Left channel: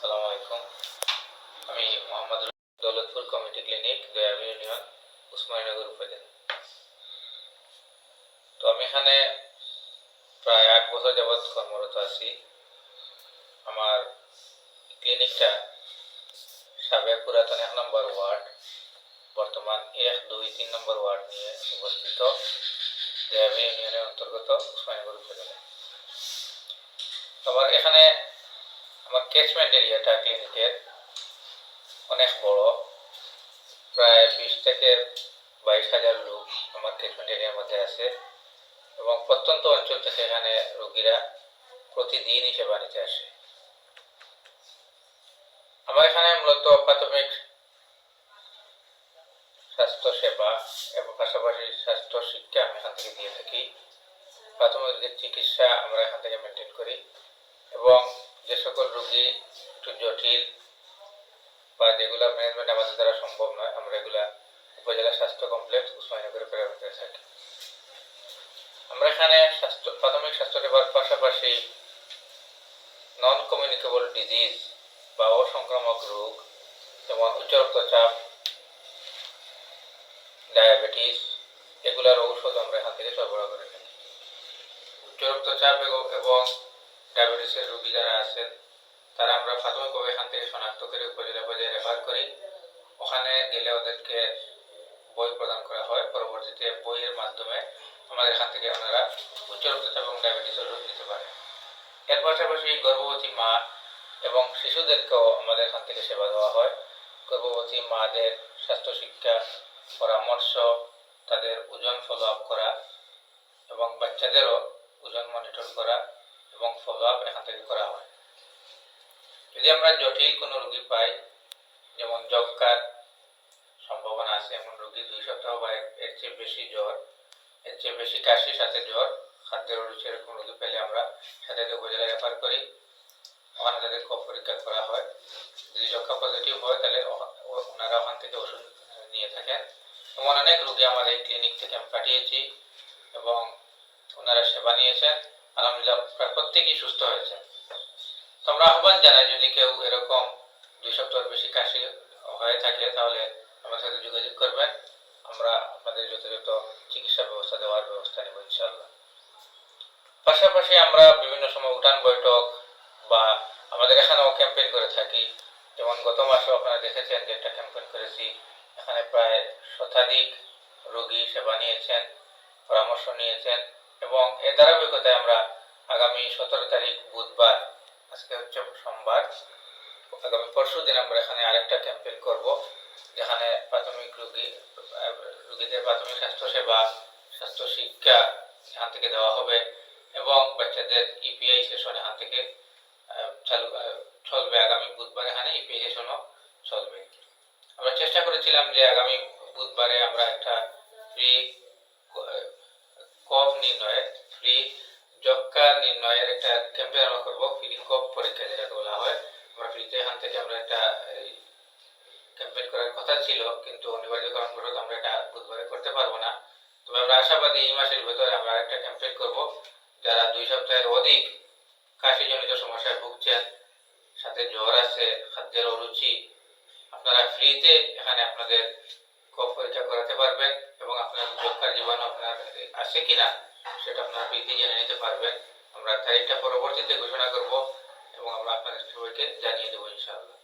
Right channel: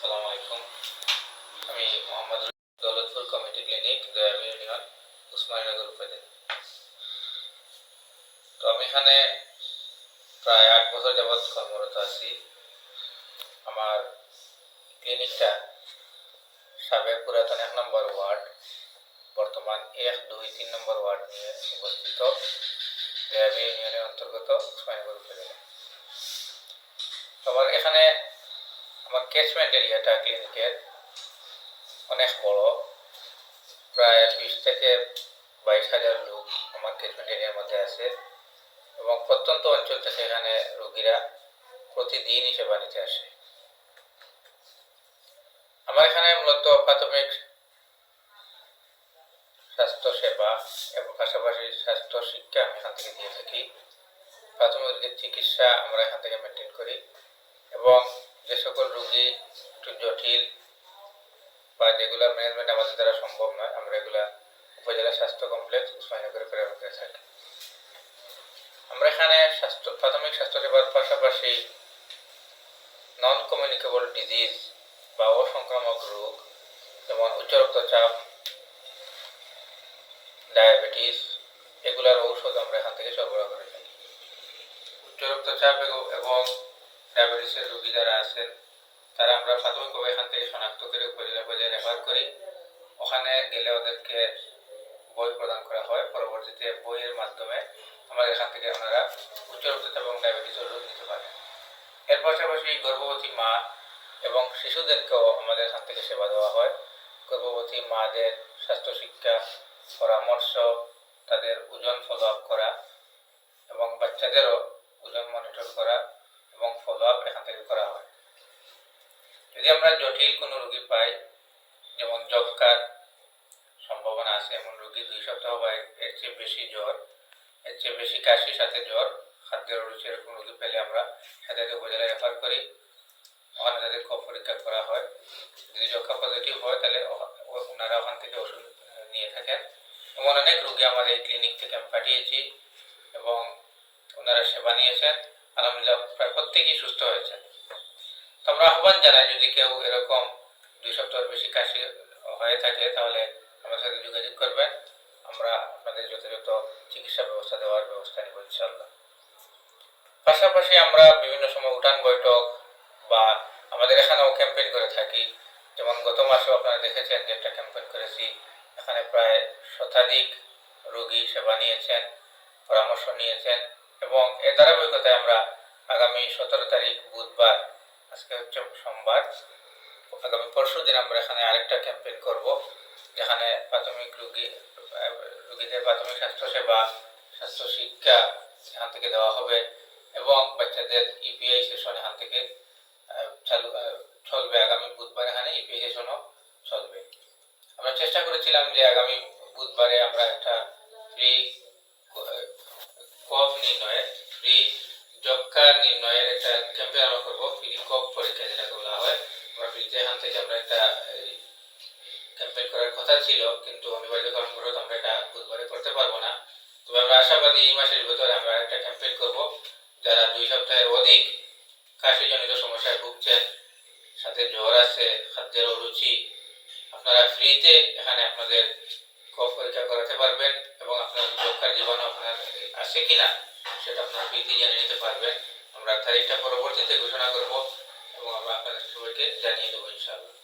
আসসালামু আলাইকুম। আমি Mohammad Daulatpur community clinic, Dayabi union, Osmaninagar উপজেলা। তো আমি এখানে প্রায় 8 বছর যাবৎ কর্মরত আছি। আমার ক্লিনিকটা সাবেক পুরাতন 1 নম্বর ওয়ার্ড, বর্তমান 1, 2, 3 নম্বর ওয়ার্ড নিয়ে অবস্থিত দয়াবী ইউনিয়নের অন্তর্গত উসমানীনগর উপজেলা। আমার এখানে আমার ক্যাচমেন্ট এরিয়াটা ক্লিনিকের অনেক বড়, প্রায় 20 থেকে 22,000 লোক আমার ক্যাচমেন্ট এরিয়ার মধ্যে আছে এবং প্রত্যন্ত অঞ্চল থেকে এখানে রোগীরা প্রতিদিনই সেবা নিতে আসে। আমার এখানে মূলত প্রাথমিক স্বাস্থ্য সেবা এবং পাশাপাশি স্বাস্থ্য শিক্ষা আমি এখান থেকে দিয়ে থাকি। প্রাথমিক চিকিৎসা আমরা এখান থেকে মেনটেন করি এবং যে সকল রোগী একটু জটিল বা যেগুলো ম্যানেজমেন্ট আমাদের দ্বারা সম্ভব নয়, আমরা এগুলা উপজেলা স্বাস্থ্য কমপ্লেক্স উসমানীনগরে প্রেরণ করে থাকি। আমরা এখানে প্রাথমিক স্বাস্থ্য সেবার পাশাপাশি নন কমিউনিকেবল ডিজিজ বা অসংক্রামক রোগ যেমন উচ্চ রক্তচাপ, ডায়াবেটিস, এগুলার ঔষধ আমরা এখান থেকে সরবরাহ করে থাকি। উচ্চ রক্তচাপ এবং ডায়াবেটিসের রোগী যারা আছেন তারা আমরা প্রাথমিকভাবে এখান থেকে শনাক্ত করে উপজেলা পর্যায়ে রেফার করি। ওখানে গেলে ওদেরকে বই প্রদান করা হয়। পরবর্তীতে বইয়ের মাধ্যমে আমাদের এখান থেকে ওনারা উচ্চ রক্তচাপ এবং ডায়াবেটিসের ওষুধ নিতে পারে। এর পাশাপাশি গর্ভবতী মা এবং শিশুদেরকেও আমাদের এখান থেকে সেবা দেওয়া হয়। গর্ভবতী মাদের স্বাস্থ্য শিক্ষা, পরামর্শ, তাদের ওজন ফলো আপ করা এবং বাচ্চাদেরও ওজন মনিটর করা এবং ফলো আপ এখান থেকে করা হয়। যদি আমরা জটিল কোনো রোগী পাই, যেমন যক্ষ্মার সম্ভাবনা আছে এমন রোগী, 2 সপ্তাহ বা এর চেয়ে বেশি জ্বর, এর চেয়ে বেশি কাশি সাথে জ্বর, খাদ্যের অরুচি, এরকম রোগী পেলে আমরা সাথে উপজেলায় রেফার করি। ওখানে তাদের কফ পরীক্ষা করা হয়। যদি যক্ষ্মা পজিটিভ হয় তাহলে ওনারা ওখান থেকে ওষুধ নিয়ে থাকেন। এমন অনেক রোগী আমাদের এই ক্লিনিক থেকে আমি পাঠিয়েছি এবং ওনারা সেবা নিয়েছেন। আলহামদুলিল্লাহ প্রায় প্রত্যেকেই সুস্থ হয়েছেন। তো আমরা আহ্বান জানাই, যদি কেউ এরকম 2 সপ্তাহের বেশি কাশি হয়ে থাকে তাহলে আমার সাথে যোগাযোগ করবেন। আমরা আপনাদের যথাযথ চিকিৎসা ব্যবস্থা দেওয়ার ব্যবস্থা নেব ইনশাআল্লাহ। পাশাপাশি আমরা বিভিন্ন সময় উঠান বৈঠক বা আমাদের এখানেও ক্যাম্পেইন করে থাকি। যেমন গত মাসেও আপনারা দেখেছেন যে একটা ক্যাম্পেইন করেছি। এখানে প্রায় শতাধিক রোগী সেবা নিয়েছেন, পরামর্শ নিয়েছেন এবং এর ধারাবাহিকতায় আমরা আগামী 17 তারিখ বুধবার, আজকে হচ্ছে সোমবার, আগামী পরশু দিন আমরা এখানে আরেকটা ক্যাম্পেইন করব, যেখানে প্রাথমিক রোগীদের প্রাথমিক স্বাস্থ্য সেবা, স্বাস্থ্য শিক্ষা এখান থেকে দেওয়া হবে এবং বাচ্চাদের ইপিআই সেশন এখান থেকে চলবে। আগামী বুধবার এখানে ইপিআই সেশনও চলবে। আমরা চেষ্টা করেছিলাম যে আগামী বুধবারে আমরা একটা ফ্রি কফ নির্ণয়ের, ফ্রি যক্ষ্মা নির্ণয়ের একটা ক্যাম্পেইন আমরা করবো। ফ্রি কফ পরীক্ষা যেটাকে বলা হয়, আমরা ফ্রিতে এখান থেকে আমরা একটা ক্যাম্পেইন করার কথা ছিল, কিন্তু অনিবার্য কারণবশত আমরা এটা বুধবারে করতে পারবো না। তবে আমরা আশাবাদী এই মাসের ভিতরে আমরা একটা ক্যাম্পেইন করব। যারা 2 সপ্তাহের অধিক কাশিজনিত সমস্যায় ভুগছেন, সাথে জ্বর আছে, খাদ্যের অরুচি, আপনারা ফ্রিতে এখানে আপনাদের কফ পরীক্ষা করাতে পারবেন এবং আপনার যক্ষ্মার জীবাণু আপনার আছে কিনা সেটা আপনারা ফ্রিতে জেনে নিতে পারবেন। আমরা তারিখটা পরবর্তীতে ঘোষণা করব এবং আমরা আপনাদের সবাইকে জানিয়ে দেবো ইনশাআল্লাহ।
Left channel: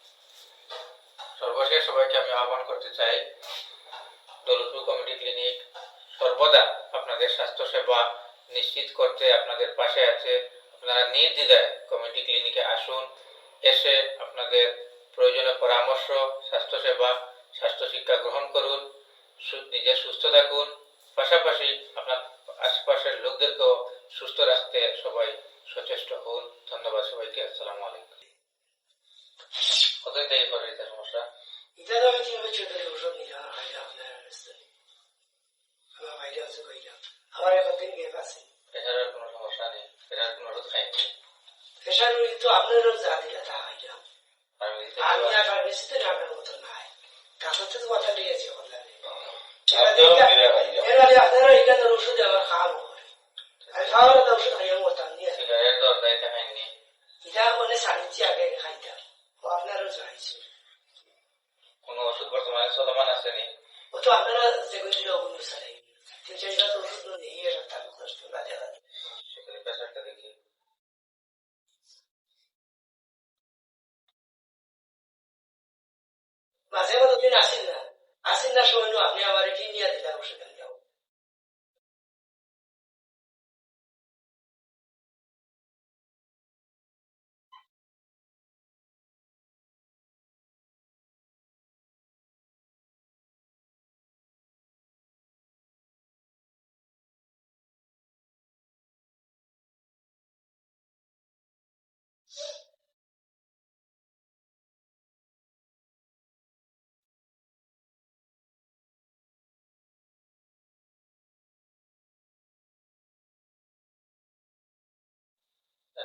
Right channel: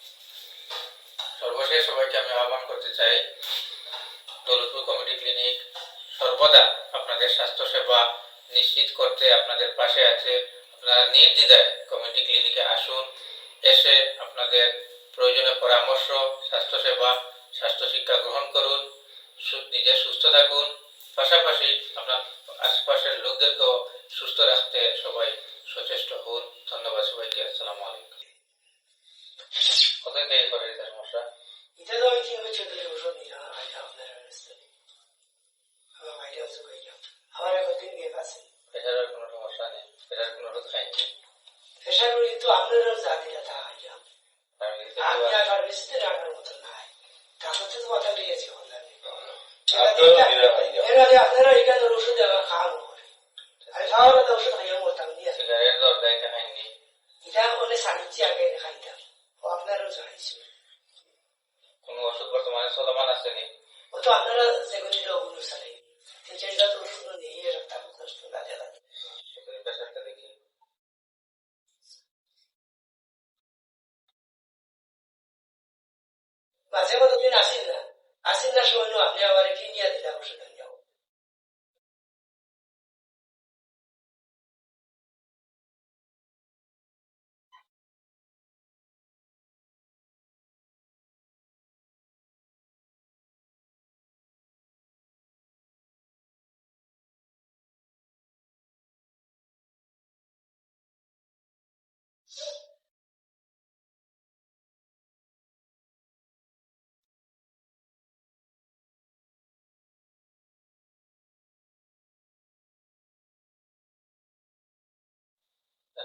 সর্বশেষ সবাইকে আমি আহ্বান করতে চাই, দৌলতপুর কমিটি ক্লিনিক সর্বদা আপনাদের স্বাস্থ্য সেবা নিশ্চিত করতে আপনাদের পাশে আছে। আপনারা নির্দ্বিধায় কমিটি ক্লিনিকে আসুন, এসে আপনাদের প্রয়োজনীয় পরামর্শ, স্বাস্থ্য সেবা, স্বাস্থ্য শিক্ষা গ্রহণ করুন, নিজে সুস্থ থাকুন, পাশাপাশি আপনার আশপাশের লোকদেরকেও সুস্থ রাখতে সবাই সচেষ্ট হন। ধন্যবাদ সবাইকে। আসসালামু আলাইকুম। কতদিন থেকে করে এটা সমস্যা? এটা তো আমি 3 বছর ধরে ওষুধ নিলাম আপনার আমার বাইরে আছে কইলাম, আবার একদিন গিয়ে পাচ্ছি প্রেশারের কোনো সমস্যা নেই, প্রেশার কোনো ওষুধ খাইনি। প্রেশার কিন্তু আপনারও যা দিলা তা খাইলাম আমি, আর ফার্মেসিতে ডাক্তার মতো নাই, কাছাতে তো কথা দিয়েছি এর আগে আপনারা এখানে ওষুধ আমার খাওয়াবো আমি খাওয়ার ওষুধ খাইয়া মরতাম নিয়ে সিগারেট দরকার এটা খাইনি, এটা অনেক সারি আপনি আমার এটি নিয়ে দিলে অবশ্যই আমি যাবো।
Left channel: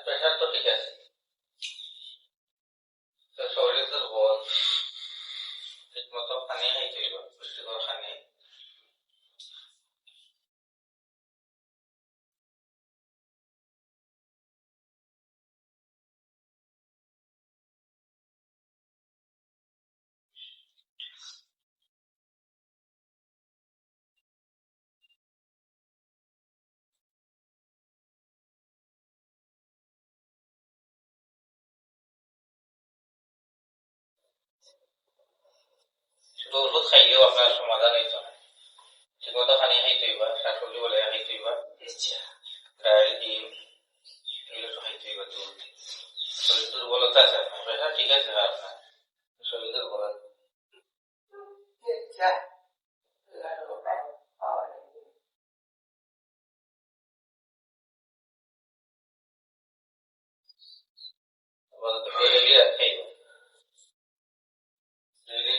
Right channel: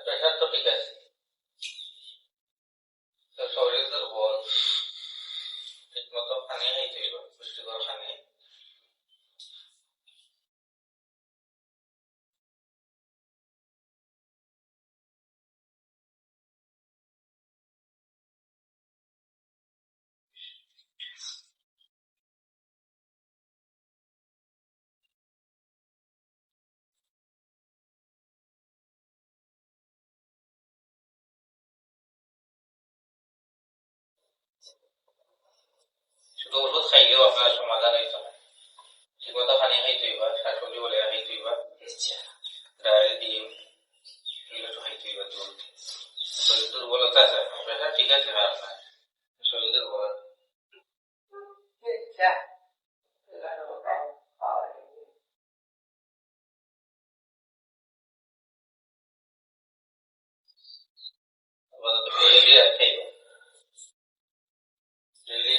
প্রেশার তো ঠিক আছে, তো শরীর দুর্বল, ঠিক মতো পানি খাইতে হইব, পুষ্টিকর পানি। শুধু ওষুধ খাইলেও আপনার সমাধান হইতো না, ঠিক মতো পানি খাইতে হইবা, শাকসবজি বলে খাইতে হইবা, ডাল ডিম এগুলো তো খাইতে হইবা। শরীর দুর্বলতা আছে, প্রেশার ঠিক আছে আপনার, শরীর দুর্বলতা। ডেইলি আর খাইব, ডেইলি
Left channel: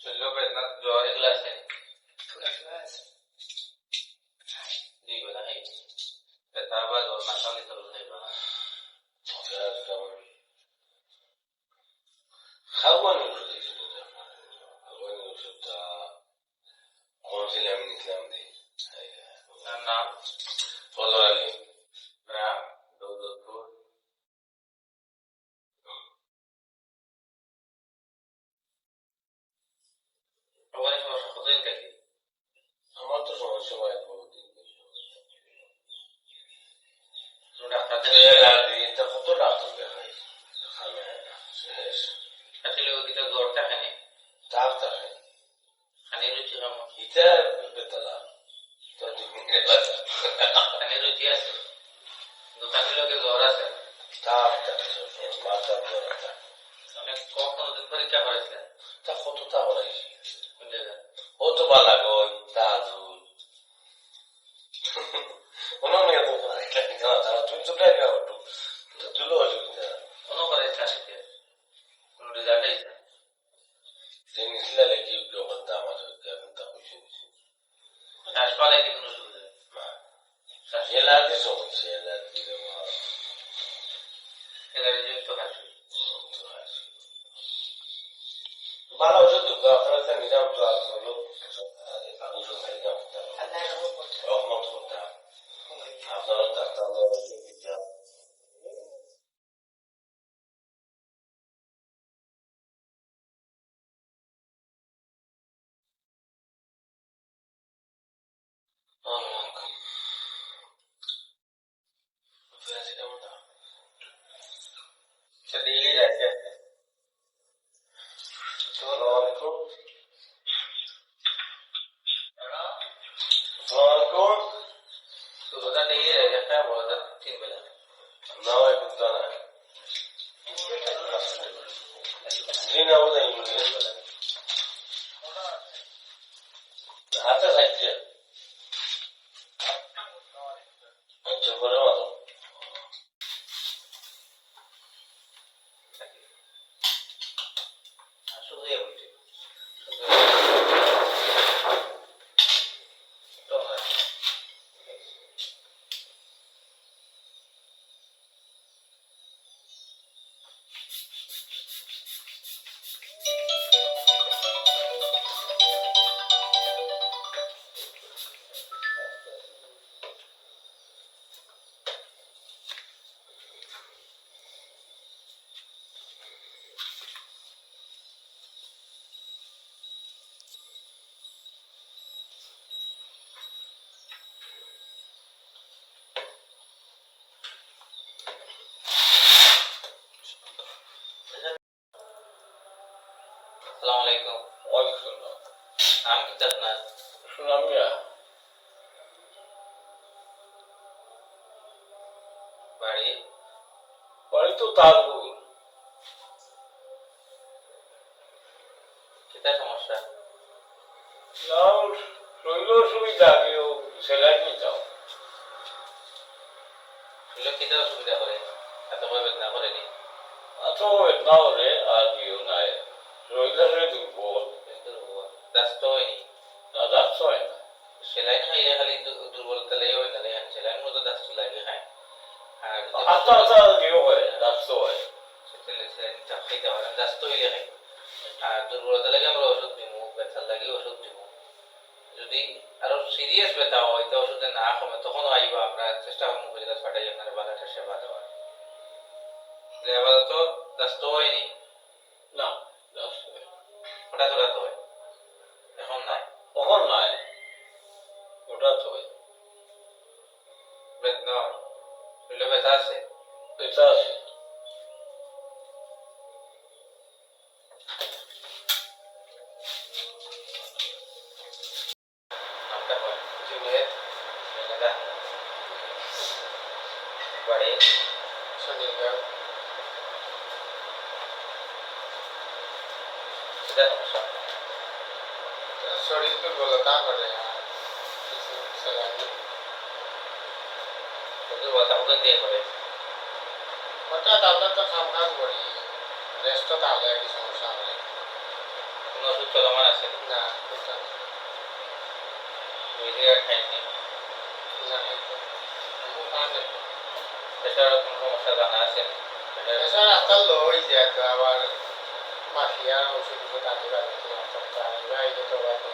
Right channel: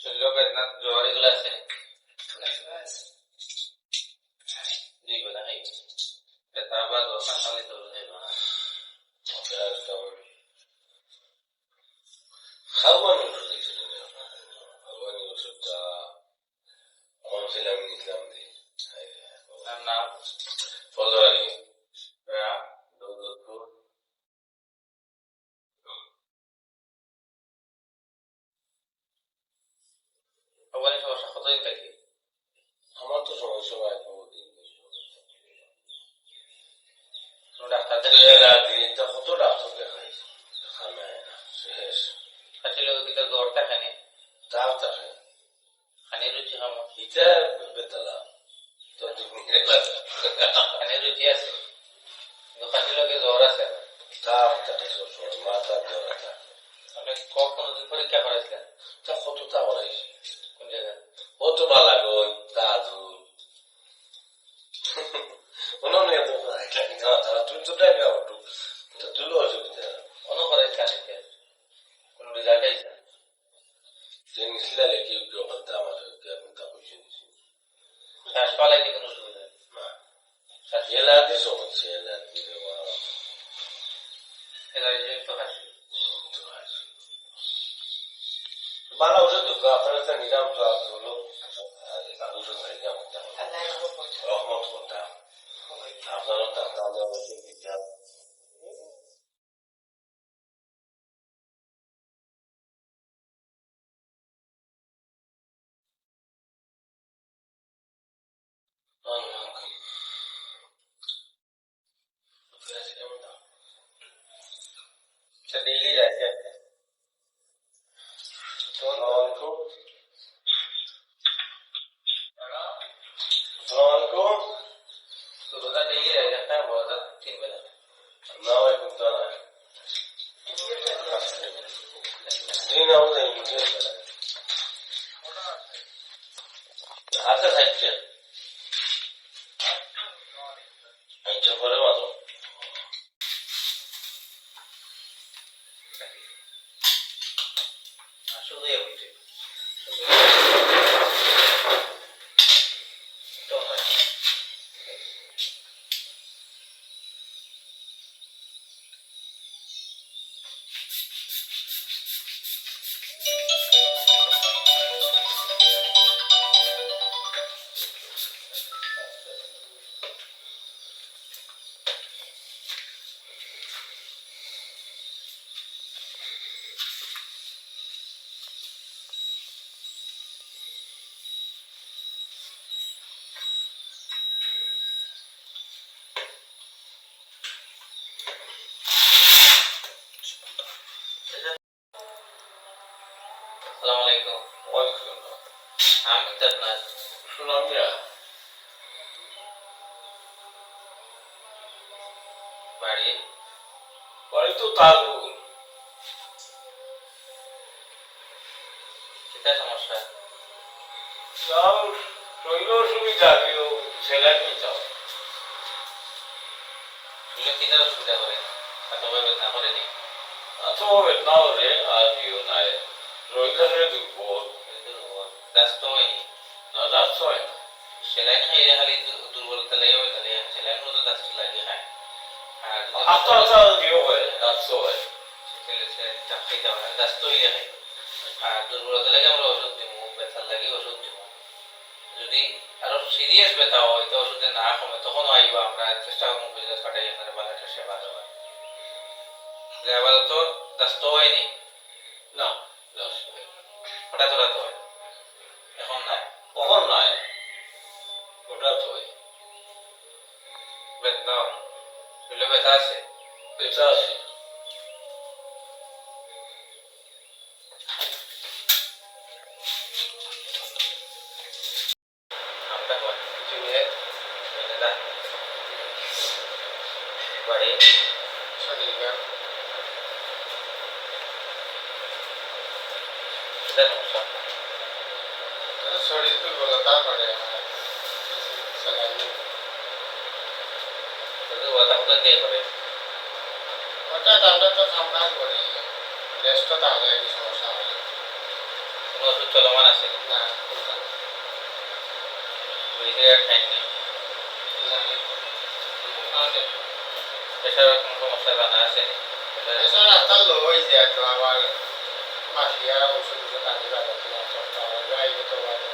শরীর বেদনা জ্বর এগুলো আছে, 2 বেলা খাইব, ব্যথা বা জ্বর না খাওয়ালে তো খাইব না। খাওয়ানোর ওষুধ খাওয়ানোর ওষুধটা কোন ছিল আমি নিছিলাম দিই নাম ফজর আলী গ্রাম দৌলতপুর। ওখানে সমস্যা কতদিন থাকি? আমার তো সমস্যা হয় বহুদিন ডাক্তার কত ডাক্তার দেখাই শেষ আসলে ওদিকে জ্বর থাকে নি, তার থাকে খানি রুচি খাবো, ইটা বেতলা তো খানি রুচি আছে, কিন্তু খানির লোকে জ্বর আছে। তার থাকে সবসময় মাথার জ্বর থাকে। আপনি কোনদিন পরীক্ষা করেছিলেন? তা কত তা বলাইছি কোন জায়গায়? ও তো বালা গই তাজুল অনেক তুই তো প্রায় একটু তুলো অসুবিধা অনুকরে খানিতে কোন রেজাল্ট আইছে? নিছিলা লেখি করতে আমার এখন তা বুঝে নিছি শ্বাস পালাইতে কোনো সুবিধা নেই? শ্বাস এলার্জি সমস্যা এলার্জি এলার্জিজনিত হাসি। ভালো ওষুধ আপনার একটা নিজাম তো হলো ওষুধ খাইলাম রহমত করতাম আপনারও ডাক্তার দিতাম কেমন না সে ডেইলি যাইছে। আসসালামাইকুম আসসালামাইকুম শুরুটা ডেইলি যাইছে, একটা বড় 3 বেলা না এখন তো না জি না বলে ইংলিশ আছে থাকছে আচ্ছা করে মাত্র সুনামিয়া বাড়ি বাড়ি তো তাজপুর। কিতা সমস্যা? তাও শরীর অসুবিধা কেউ সেলাই নিতাম। শুনলে কিতা অসুবিধা করে এতভাবে বেদনা করেনি? আচ্ছা বেদনা হলে আর কেউ নাই, শরীর আসলে দুর্বল। ব্যস্ত হয়নি? না যাচ্ছ হয় না। সেলাইন খাইলে খালি দুর্বলতা লেগে হয়, তাহলে সেলাইন মতো দাস্ত লাগে খায়। আর আচ্ছা আচ্ছা কেউ হয় যাচ্ছ হয়। সেলাইন খাইতে হয় না, দাস্ত হইলে খাই। আর দুর্বলতা লাগে আমরা ওষুধ দিব, ব্যথার লাগে ওষুধ দিব। যদি আরো সিরিয়াস ব্যথা হয় তো ওষুধে না কমে তখন আইব, আমরা চেষ্টা করবো বুঝে কাটাই আপনার ভালো একটা সেবা দেওয়ার। আপাতত দাস্ত হয়নি? না যাচ্ছ হয় হঠাৎ হঠাৎ হয়, এখন নাই। কখন নাই হঠাৎ হয়। বেদনা শরীরে ব্যথা আছে? পেঁচা আছে। নামটা হয় জুয়েট মেনেদা বাড়ি সনিলগড়। এটা সমস্যা শরীর দুর্বলতা করে, দুর্বলতা কোথা দিয়ে করে? হঠাৎ আমরা তো কাম কাজ করি, রেস্ট তাহলে কি সমস্যা হবে? কোনো ওষুধ চলমান আছে না? দুই জায়গায় খাইনি, প্রেশারের কোনো সমস্যা জানা আছে? প্রেশার আস্তাল লো হয়ে যায় তো আবার মাসিয়া ওষুধ ওষুধ আনি বাজাতে সপ্তাহ আগে তো বাজে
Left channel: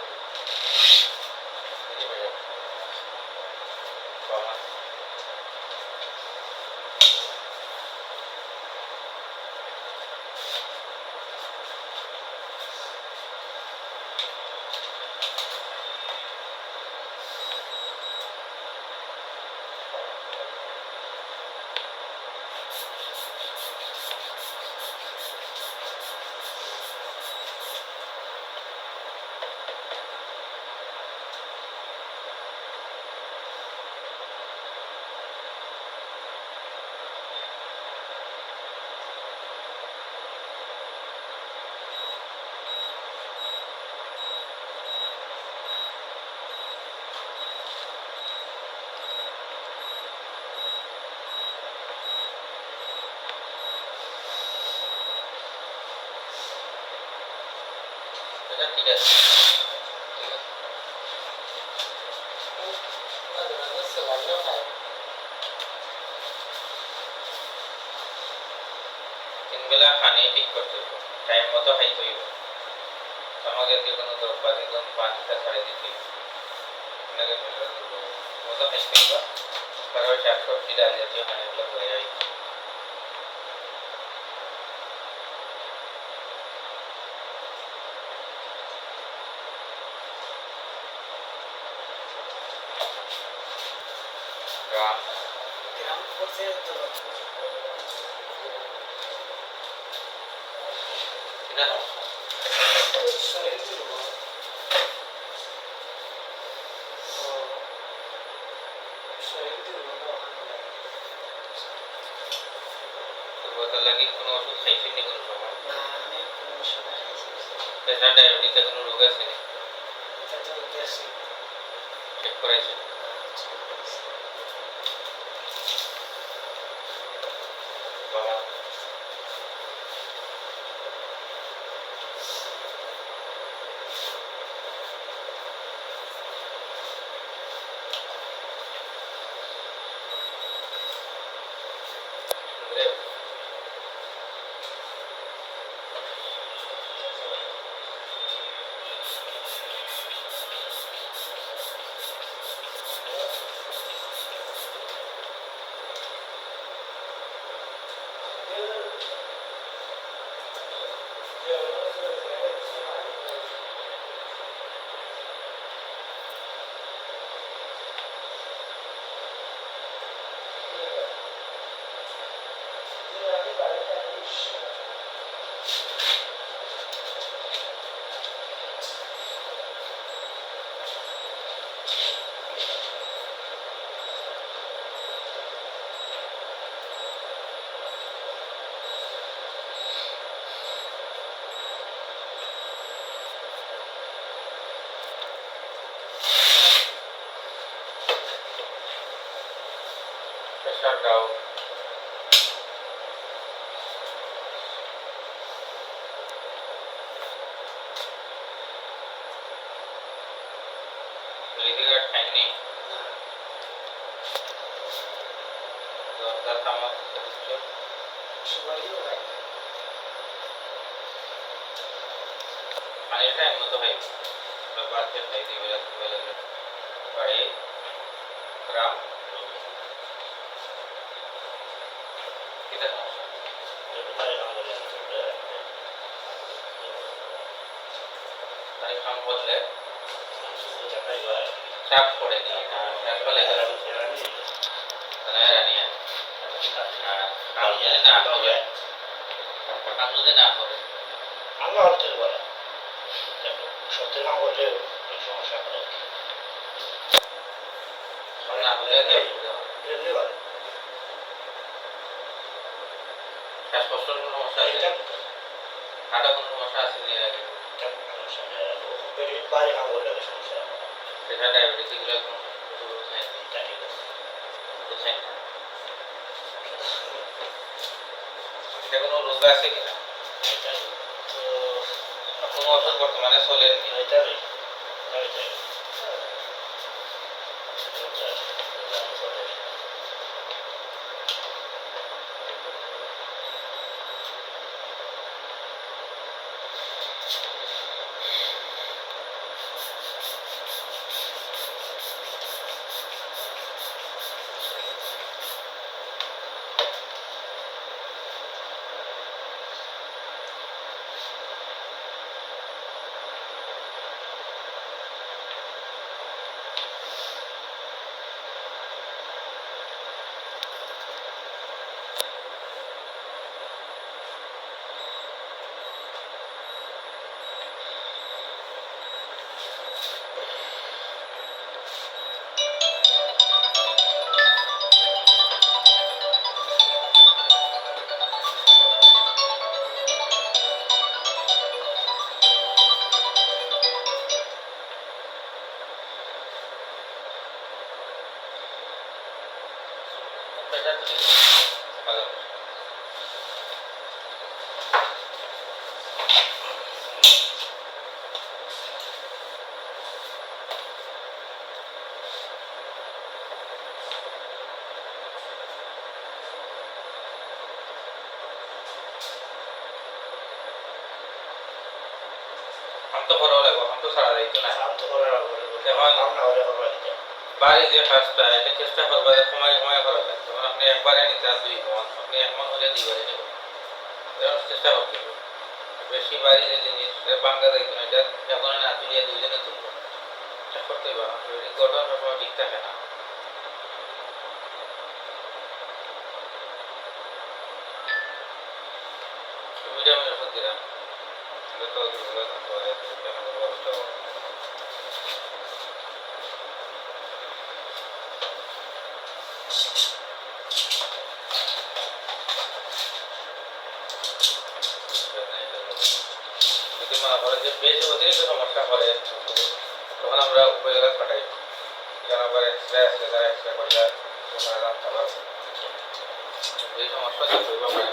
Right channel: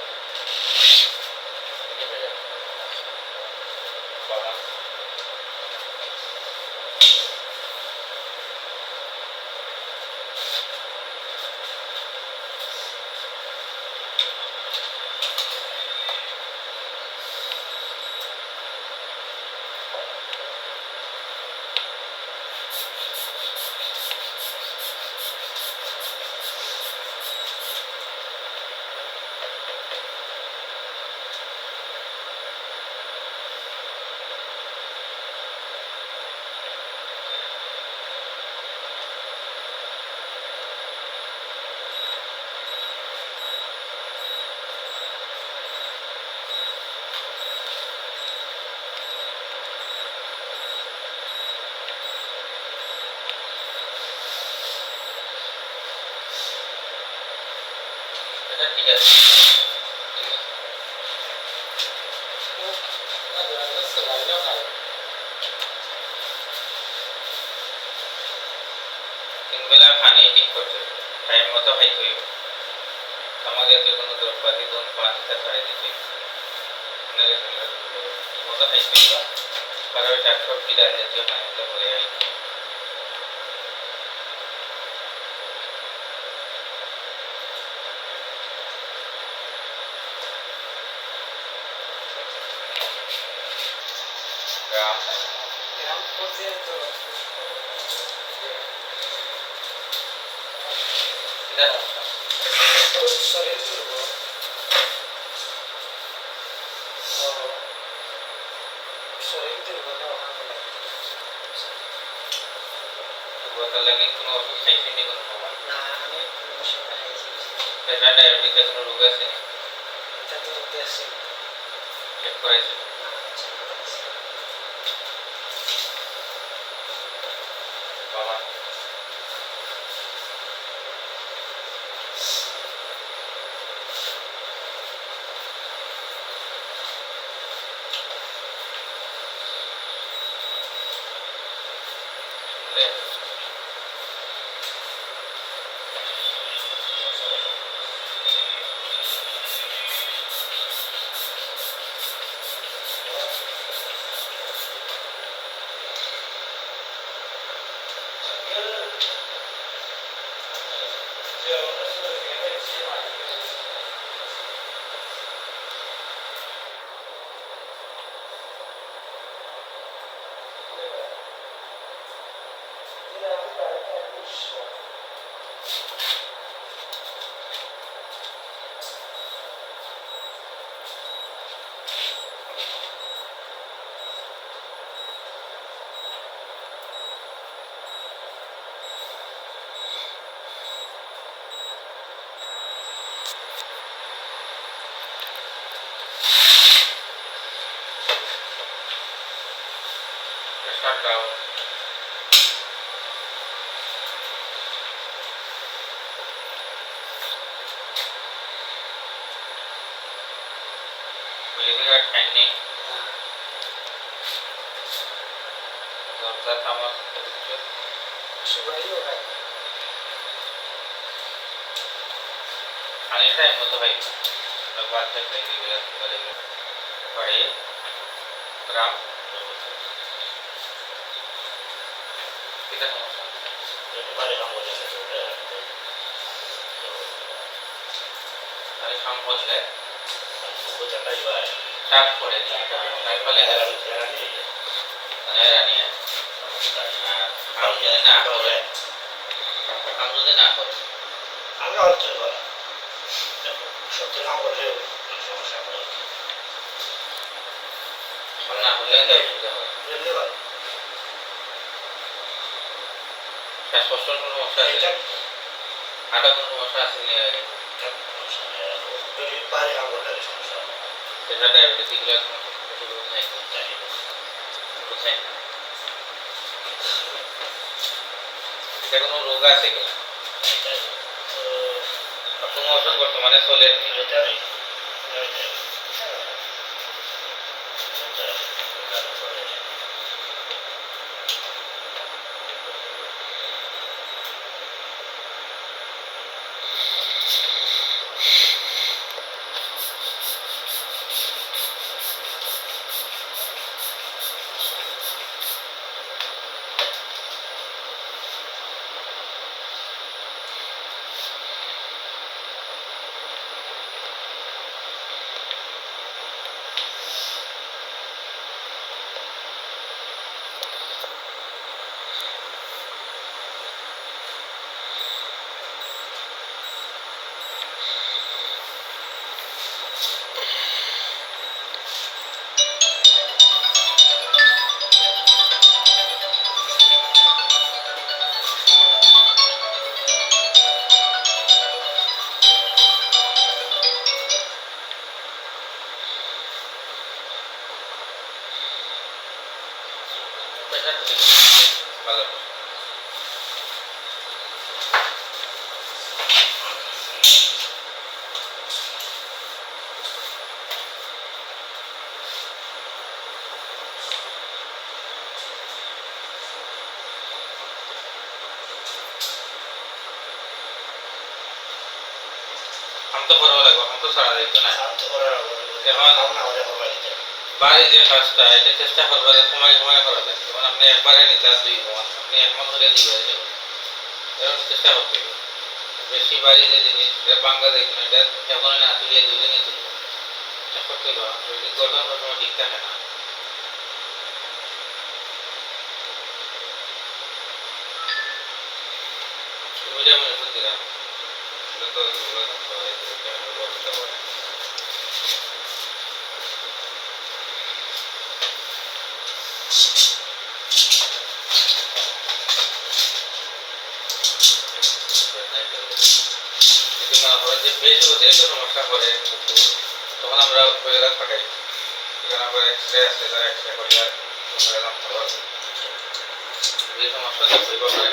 ঠিক আছে। তিনবেলা পানি ঠিক করতে টাইম মতো খাইতে হইব। আমাকে যে কোনো দ্রব্যাদি কোন পানিটা ছাড়াই দিতে ঠিক মতো খাইতে হইব। কারণ শাকসবজি ডাল জাতীয় পানিগুলো বলে যাই। গ্রাম গ্রাম করতে তো এটা শরীর দুর্বল, শরীর দুর্বল দুর্বলতা লাগে কোনো ওষুধ খাইছেন নি কোনো সময়? না, আমি কোনো ওষুধ খাইছি প্রেশার ডায়াবেটিসের কোনো রোগ আছে? এটা তো দেশি চেক করেছেন? বাবা শাটডাউন, মিলিটারি ট্রেনিং, দরজা খামার প্রতিযোগ, সুবাইও ভাই পানির টাইম মতো ভাই বাচ্চা খাই দিবে ভাই রাম এটা সমস্যা আর খাম বললে চাপ করে দিয়ে তার ফলে রানিয়ে কাম যদি না করে কাম যদি না করে আমি অর্থ করে সত্য কাম করলে সমস্যা করে কাম না করলে তো অসুবিধা হয়। এমনি করে শ্বাসকষ্টের কোনো সমস্যা আছে, হাঁটা কোনো সমস্যা আছে নি আগে, বাইরে কাম করলে সমস্যা সেটা ডায়াবেটিস এগুলো কোনো অসুবিধা নাই, বুঝছেন? এটা কোনো রোগ আছে কিনা, কোনো ওষুধ বর্তমানে চলেনি, ভালো। কাম তো করা লাগবে, কাম তো ছাড়া যাইতো না। এখন বাড়ি যে কাজটা এটা চেষ্টা করবা যে সময় সময় করা যায়, যেমন আপনি একবারে নিতে 2 মাস, আপনি 1 মাস হলে 2 বারে নেবেন, এরকম চেষ্টা করতে হবে। বেশি বাড়ি যে জিনিস এটা বাঙ্গা যাইতো না, এটা যখন না তুলিয়ে 2 জনে তুলবো, চেষ্টা করতে হবে। শরীর গঠন সবসময় ঠিক থাকে না। ভিটামিন ওষুধ দিলাম, এটা তো দুর্বলতা হয়, ভিটামিন ব্যবস্থা করে। যদি মনে করে যে বেশি অতিরিক্ত সমস্যা করে তখন আমরা উপজেলা পাঠাই, এখানে আবার এক্সরে আছে, তারা এক্সরে করলে ভালো। এই সমস্যা দেখবো মানে